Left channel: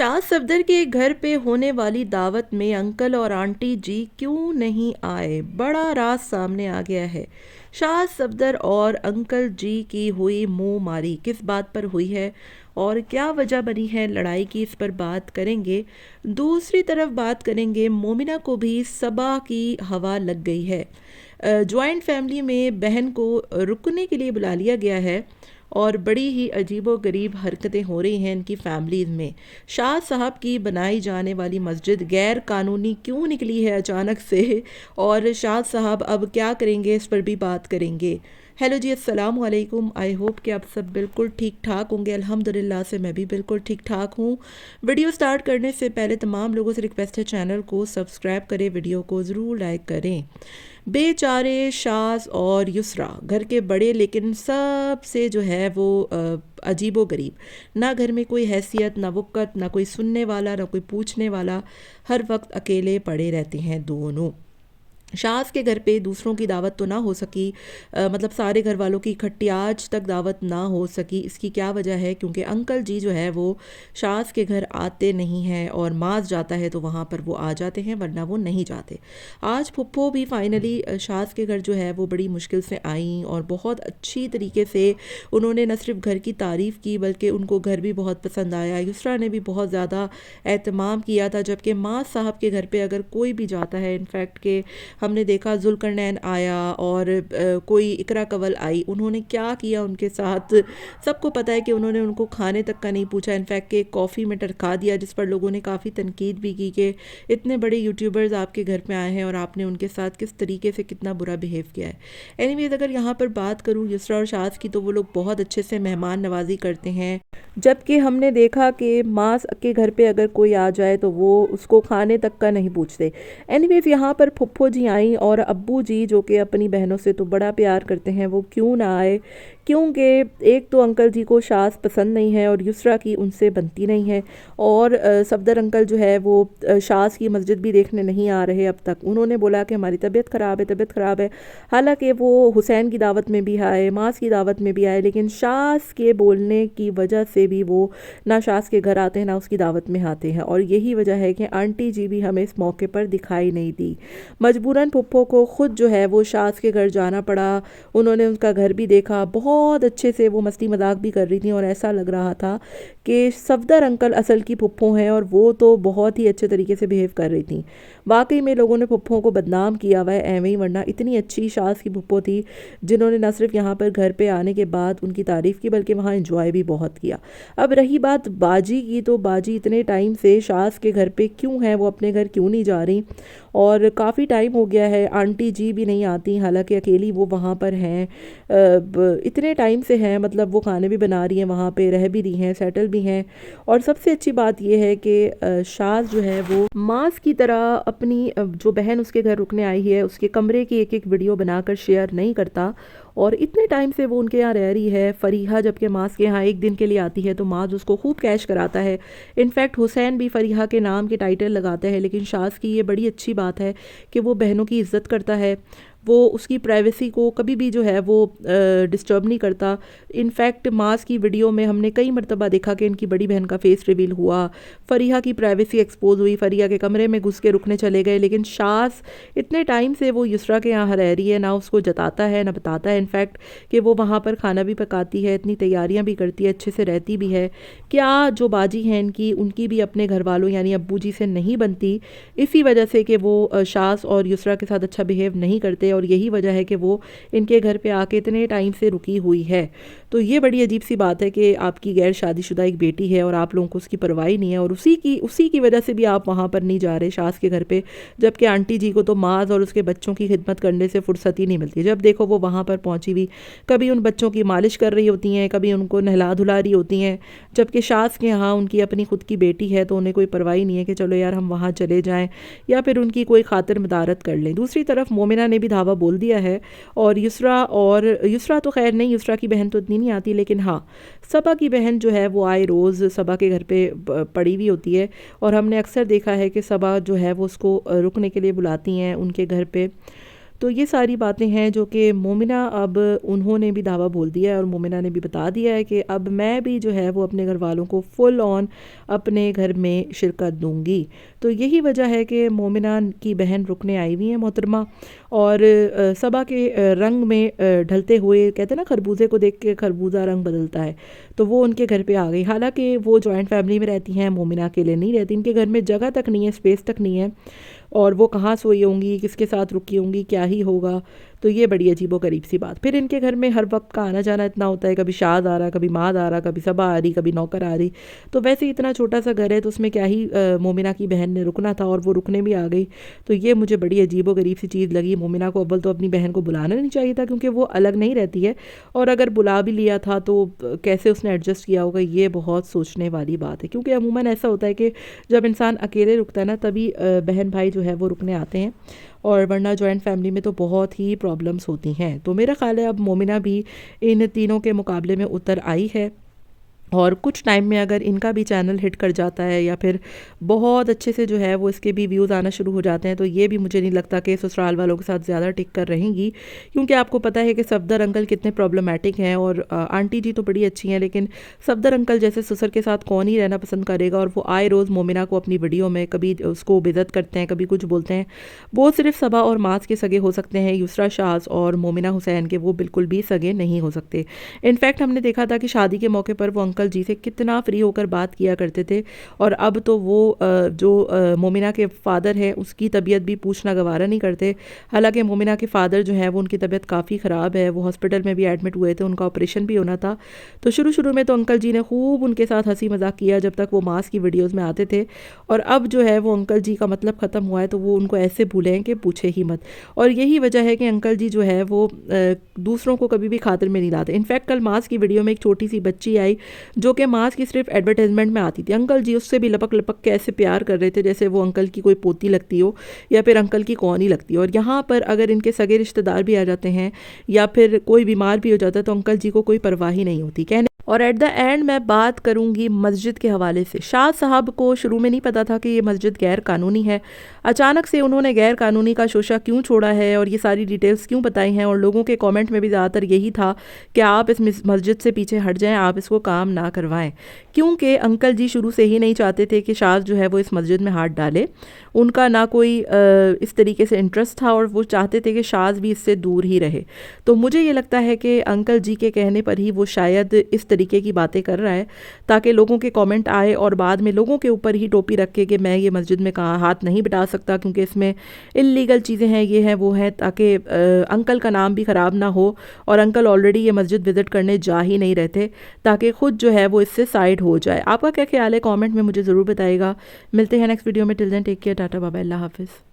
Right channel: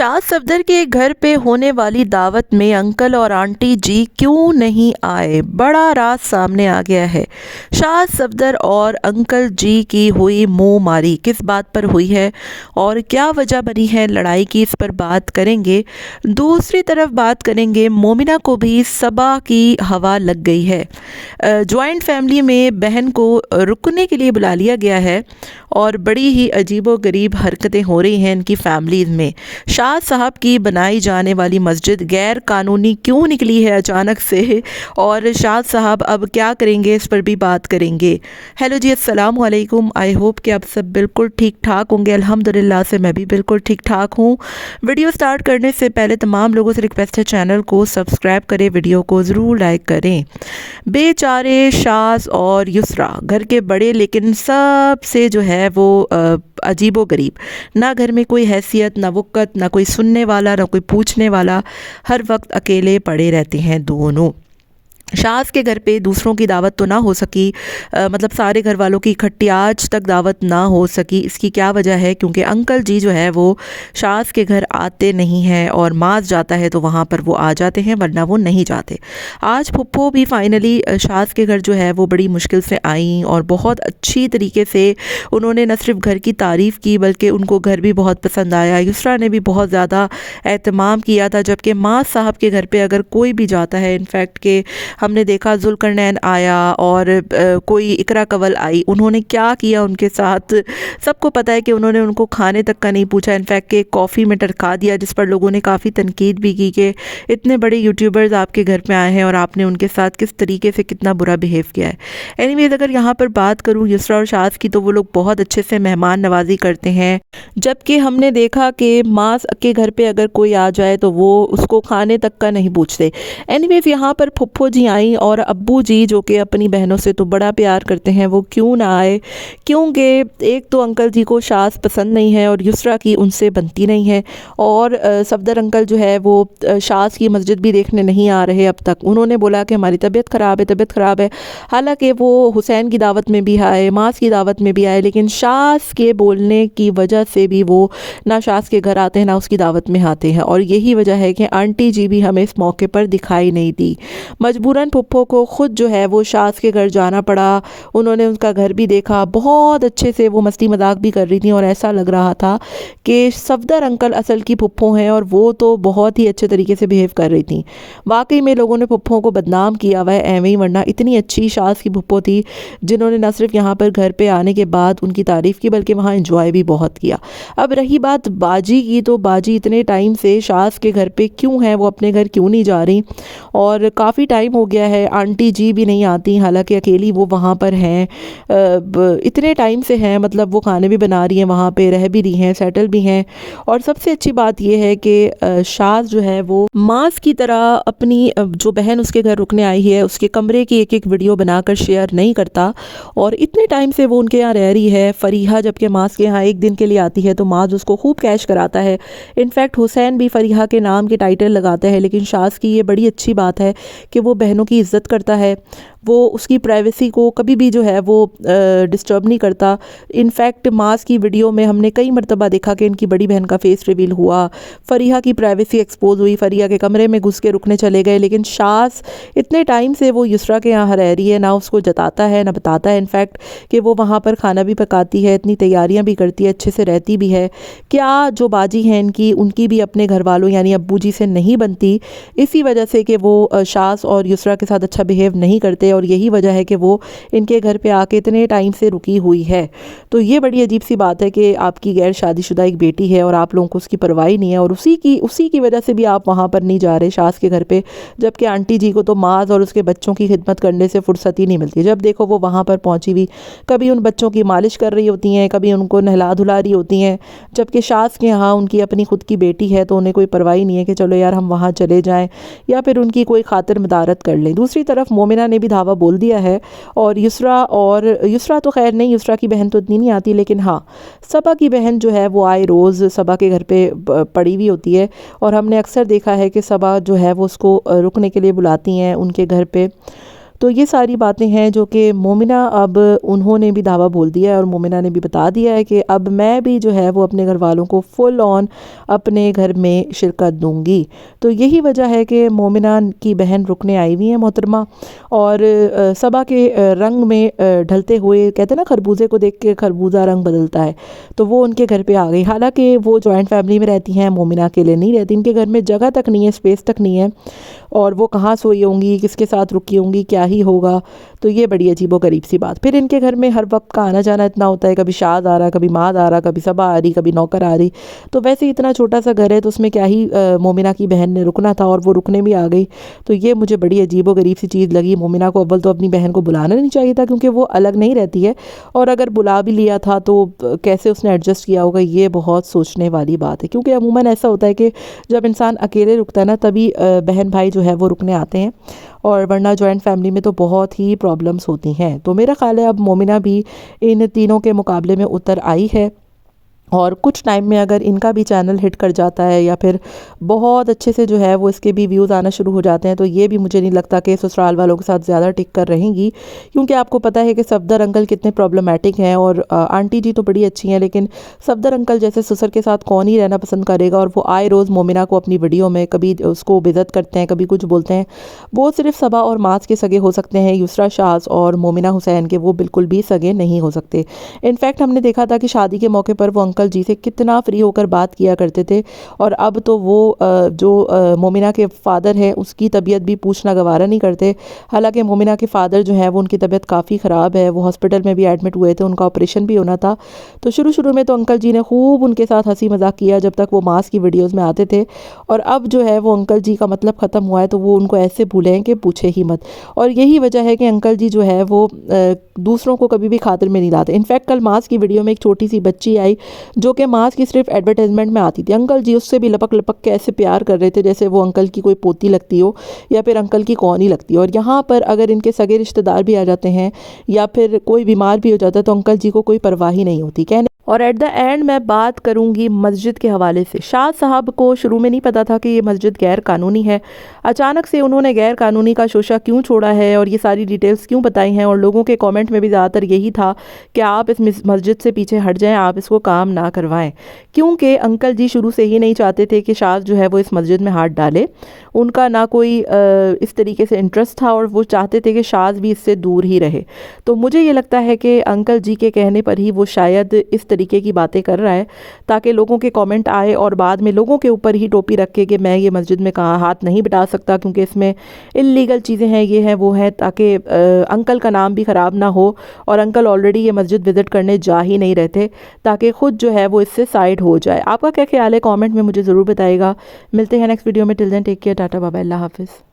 शाह सफदर के घर पे होने वाली दावत में अंकल और आंटी जी क्यों नहीं आए? बड़ा राज सामने आ गया है। शाह सफदर और अंकल जी की हुई मुंह मारी किस बात पर हुई है और क्या वजह बनी है लड़ाई की, इस पर बात करेंगे। दूसरी तरफ बात करेंगे, मोमिना को भी सबा की हवा लग गई है। जॉइंट फैमिली में बहन को रुकने के लिए बुला लिया गया है और बड़ी ही अजीबोगरीब हरकतें हो रही हैं इनकी फैमिलीज़ में। शाह साहब की बनाई जाने वाली मस्जिद गैर कानूनी क्यों निकली है अचानक से, और शाह साहब अब क्या करेंगे, इस पर भी बात करेंगे। हेलो जी, अस्सलाम वालेकुम। आई होप कि आप सब बिल्कुल ठीक ठाक होंगे। अल्हम्दुलिल्लाह से मैं भी बिल्कुल ठीक ठाक हूँ। वीडियो स्टार्ट करने से पहले तमाम लोगों से रिक्वेस्ट है, चैनल को सब्सक्राइब करें, वीडियो को ज़रूर लाइक करें। बेचारे शाज और युसरा घर के बड़े, लेकिन सबसे जो है वो अजीबो गरीब। ना घर में कोई हैसियत, ना वक़्त, ना कोई सुनने वाला, ना कोई पूछने वाला। हर वक्त अकेले पड़े रहते हैं दोनों। शाज़ के घर पे दूसरों की दावत तो ना हो सकी, मतलब सारे घर वालों की इकट्ठी आज तक दावत ना हो सकी। इसकी क्या वजह है? क्योंकि अंकल जी जो है वो शाज़ के घर आते नहीं हैं, और मास जाता है तो वहाँ पर वो आ जाते हैं, वरना वो नहीं जाते। आज फुप्पो भी फाइनली शाज़ के घर जो है वो बड़ी मुश्किल से आई, और बहुत अच्छी तरीके से उन्होंने न सिर्फ घर की तारीफ़ की बल्कि उनको घर भी बहुत पसंद आया। युसरा ने भी बहुत ज़्यादा एहतमाम किया था, जबकि मास साहब के घर पे अगर कोई भी जाता है, इनफैक्ट के हमने देखा जुल्करनैन आया और कोई इकरा कवल आई, उन्होंने क्या किया उनके साथ सबको पता है कि उन्होंने उनको खाने तक का नहीं पूछा। इनफैक्ट के कॉफ़ी में टरका दिया, जिस पर लोगों ने काफ़ी तनकीद भी की कि इतने बड़े यूट्यूबर्स आपके घर पे आए हैं और आपने उनके साथ किस तरीके से कितना बुरा बिहेव किया है। एनीवेज, अगर यहाँ पर बात करूँ युसरा और शाज़ की, तो वो लोग बहुत अच्छे से मेहमान नवाजी करते हैं, जबकि हमने देखा कि मास के घर पे अगर कोई आ जाए तो वो उसको खाने तक का नहीं पूछते। एनीवेज, यहाँ पर फुप्पो जी आई और अब्बू जी जो कि अपनी बहनों से तो बड़ा प्यार करते हैं, वो क्यों ना आए? क्योंकि एक तो अंकल जी को शाज़ पसंद नहीं है और युसरा की उनसे बनती नहीं है, और सफदर अंकल जो है वो शाज़ की मस्जिद भी देखने नहीं आ रहे अब तक। उन्होंने बोला कि हमारी तबीयत ख़राब है, तबीयत ख़राब है। हालांकि वो हुसैन की दावत में भी आए, मास की दावत में भी आए, लेकिन शाज़ के बोलने की वजह से भी वो ना शाज़ के घर आते हैं ना उसकी दावत में आते हैं, और यही वजह है कि आंटी जी भी हमें इस मौके पर दिखाई नहीं दी। मजबूरन फुप्पो को ख़ुद जो है वो शाज़ के घर जाना पड़ा। उन्होंने उनका घर भी देखा, बहुत अच्छे से वो मस्ती मजाक भी कर रही थी, और ऐसा लग रहा था कि सफदर अंकल असल की फुप्पो हैं, और वो तो बहुत ही अच्छे तरीके से बिहेव कर रही थी। वाकई में लोगों ने फुप्पो को बदनाम किया हुआ है एवं ही, वरना इतनी अच्छी शाज़ की फुप्पो थी जिन्होंने न सिर्फ यहाँ पर घर पर आने के बाद उनकी तारीफ़ की बल्कि वहाँ इंजॉय भी बहुत किया। अब रही बात बाजी की, तो बाजी इतने टाइम से शाज़ के घर पे क्यों है, वो अपने घर क्यों नहीं जा रही? और काफ़ी टाइम हो गया है, आंटी जी भी नहीं आती, हालांकि अकेली वो वहाँ पर हैं, इतने टाइम से हैं, मतलब वो खाने भी बना रही हैं, वहाँ पे रह भी रही हैं, सेटल भी हैं। और सबसे अच्छी बात ये है कि शाज़ जो है वो मास की तरह अपनी जो बहन उसके घर रुकने आई है उसके कमरे की एक एक वीडियो बनाकर शेयर नहीं करता, और इतने टाइम से वो उनके यहाँ रह रही है। फरीहा जबकि मास के यहाँ एक दिन के लिए आती है तो मास उसको खूब कैश कराता है। इनफैक्ट हुसैन भी फरीहा के नाम के टाइटल लगाता है, लेकिन शाज़ की ये बड़ी अच्छी बात है कि वो बहनों की इज़्ज़त करता है, वो उसकी प्राइवेसी को कभी भी जो है वो डिस्टर्ब नहीं करता। इनफैक्ट मास की वीडियो में हमने कई मरतबा देखा कि इनकी बड़ी बहन का फेस रिवील हुआ, फरीहा की प्राइवेसी एक्सपोज हुई, फरीहा के कमरे में घुस के रुकने चले गए, लेकिन शाज़ इतने टाइम से वो युसरा के यहाँ रह रही है, ना उसको जताता है ना बताता है इनफैक्ट कि वो वहाँ पर खाना भी पकाती है, इतनी तैयारियाँ भी करती है, अच्छे से रहती भी है। क्या जो बाजी हैं इनकी, उनकी भी अपने घर वालों यानी अब्बू जी से नहीं बनती, इसी वजह से कि वो शाज़ और युसरा के साथ अच्छा बिहेव नहीं करते, और यही वजह है कि वो इनके घर पे आके इतने टाइम से रुकी हुई है। तो ये बड़ी अजीब सी बात है कि आपकी गैर शादीशुदा एक बेटी है और आप लोगों को उसकी परवाह नहीं है, और उसी की वजह से भी आप वहाँ पर नहीं जा रहे शाज़ के घर पे, जबकि आंटी जी को तो माज और उसके बच्चों की खिदमत करने से फुर्सत ही नहीं मिलती। जब देखो वो वहाँ पर पहुँची हुई, कभी उन बच्चों की मालिश कर रही होती हैं, कभी उनको नहला धुला रही होती हैं, जबकि शाज़ के यहाँ उनकी अपनी खुद की बेटी है तो उन्हें कोई परवाह नहीं है कि चलो यार हम वहाँ चले जाएँ या फिर उनकी कोई खातिर मदारत कर लें। दूसरी तरफ मोमिना ने भी धावा बोल दिया है, और युसरा तो खैर नहीं, युसरा की बहन तो इतनी नहीं आती, लेकिन हाँ सबा की बहन जो है वो आए रोज़ सबा के घर पे पड़ी हुई होती है, और हमने अक्सर देखा है कि सबा जो है वो उसको रुकने के लिए बुलाती हैं उनके घर पे। तो ये सारी बातें हैं जो कि मोमिना, अब उन्होंने भी दावा बोल दिया है और मोमिना ने भी बता दिया है कि अब मैं भी जो है वो अपने घर वालों को फुल ऑन अपने घर में शिरकत दूंगी। तो यही वजह है कि मोमिना की बहन रुकने आई हुई हैं मोहतरमा, और सबा के रंग में ढलते हुए, कहते हैं ना खरबूजे को देख के खरबूजा रंग बदलता है, तो वो उनके घर पे आ गई। हालांकि वो जॉइंट फैमिली में रहती हैं, मोमिना अकेले नहीं रहती, इनके घर में जगह तक नहीं है, स्पेस तक नहीं है, और वो कहाँ सोई होंगी, किसके साथ रुकी होंगी, क्या ही होगा। तो ये बड़ी अजीबो गरीब सी बात। फिर इनके घर में हर वक्त का आना जाना इतना होता है, कभी शाद आ रहा, कभी माद आ रहा, कभी सबा आ रही, कभी नौकर आ रही। तो वैसे इतना छोटा सा घर है, तो उसमें क्या ही मोमिना की बहन ने रुकना था, और वो रुकने भी आ गई। तो ये मुझे बड़ी अजीबो गरीब सी चीज़ लगी। मोमिना को अव्वल तो अपनी बहन को बुलाना नहीं चाहिए था, क्योंकि वो अलग नहीं रहती है, और अगर बुला भी लिया था तो कैसे उसने एडजस्ट किया होगा, ये बहुत सोचने वाली बात है। क्योंकि अमूमन ऐसा होता है कि जब इंसान अकेले रुकता है ना, तभी बहन भाई जो है वो रुकने आते हैं, और वरना जॉइंट फैमिली में तो बहुत ही प्रॉब्लम्स होती हैं। तो मेरा ख़्याल है अब मोमिना भी इन तीनों के मुकाबले में उतर आई है, और कुछ टाइम में अगर इनका भी चैनल हिट कर जाता है, या फिर बहुत अच्छे से जो है वो इसके भी व्यूज़ आना शुरू हो जाते हैं, तो ये भी मुझे नहीं लगता कि ससुराल वालों के साथ ज़्यादा टिक कर रहेंगी। क्योंकि आपको पता है कि सफदर अंकल कितने प्रॉब्लमेटिक हैं, और आंटी जी तो बड़ी अच्छी हैं, लेकिन सफदर अंकल जैसे ससुर के साथ कौन ही रहना पसंद करेगा। और वो आए रोज़ मोमिना को अपनी वीडियो में कभी उसको बेइज्जत करते हैं, कभी कुछ बोलते हैं। वो सिर्फ सबा और मास के सगे हो सकते हैं, युसरा शाज और मोमिना हुसैन के वो बिल्कुल भी सगे नहीं हो सकते। इनफैक्ट हमने देखा था कि शादी के मौके पर वो अंकल जी से कितना फ्री होकर बात किया करते थे, और अब तो वो जो मोमिना के फ़ादर हैं उसकी तबीयत भी पूछना गवारा नहीं करते। हालांकि मोमिना के फ़ादर जो है वो, उनकी तबीयत काफ़ी ख़राब है, वो हॉस्पिटल में भी एडमिट हुए थे, उनका ऑपरेशन भी होना था। तो शुरू शुरू में तो अंकल जी ने खूब उनके साथ हंसी मजाक किया जब तक वो मास की वीडियोज़ में आते थे, और अब जो है वो अंकल जी का मतलब ख़त्म हुआ है, तो वो उनको ऐसे भूले हैं कि पूछे ही मत। और यही वजह है कि अंकल जी जो है वो दूसरों को कभी भी खातिर में नहीं लाते। इनफैक्ट कल मास की वीडियो में एक छोटी सी बच्ची आई जो कि मास की सिर्फ एडवर्टाइजमेंट में आती थी, अंकल जी उससे भी लपक लपक के ऐसे प्यार कर रहे थे जैसे वो अंकल की कोई पोती लगती हो, या फिर अंकल की कौन ही लगती हो। और यहाँ पर अगर इनके सगे रिश्तेदार भी आ जाते हैं, या फिर कोई बीमार भी हो जाता है, तो अंकल जी को कोई परवाह ही नहीं होती कहने। और एट द एंड मैं बात करूंगी मस्जिद के हवाले से। शाह साहब को शुरू में नहीं पता था कि ये मस्जिद गैर कानूनी है। अचानक से उन्होंने गैर कानूनी का शोशा क्यों छोड़ा है, और ये सारी डिटेल्स क्यों बताई हैं, और लोगों के कमेंट में भी ज़्यादातर यही था कि आप इस मस्जिद से पीछे हट जाएं, आप इसको काम ना करवाएं। क्योंकि अंकल जी शुरू से ही नहीं चाहते थे कि शाह जो है वो इस मस्जिद में हाथ डाले। उनका ना कोई इस तरीके से इंटरेस्ट था, और वो चाहते थे कि शाज भी इससे दूर ही रहे। तो मुझे ये लगता है कि अंकल जी के कहने पर ही वो शायद इस तरीके की बातें कर रहा है, ताकि लोगों के कमेंट आए और बाद में लोगों के ऊपर ही टोपी रख के कि मैं ये मस्जिद में कहा हाथ नहीं बिठा सकता क्योंकि इसमें इल्लीगल चीज़ें हैं, ये हैं वो हैं, ताकि अंकल का नाम भी ख़राब ना हो। और अंकल ऑलरेडी ये मस्जिद विज़िट करने जा ही नहीं रहते, ताकि ख़ुद जो है वो इससे साइड हो जाए। आपका क्या ख्याल है, कमेंट में मुझे ज़रूर बताइएगा। मिलते हैं नेक्स्ट वीडियो में। Till then take care, tata bye bye, अल्लाह हाफिज़।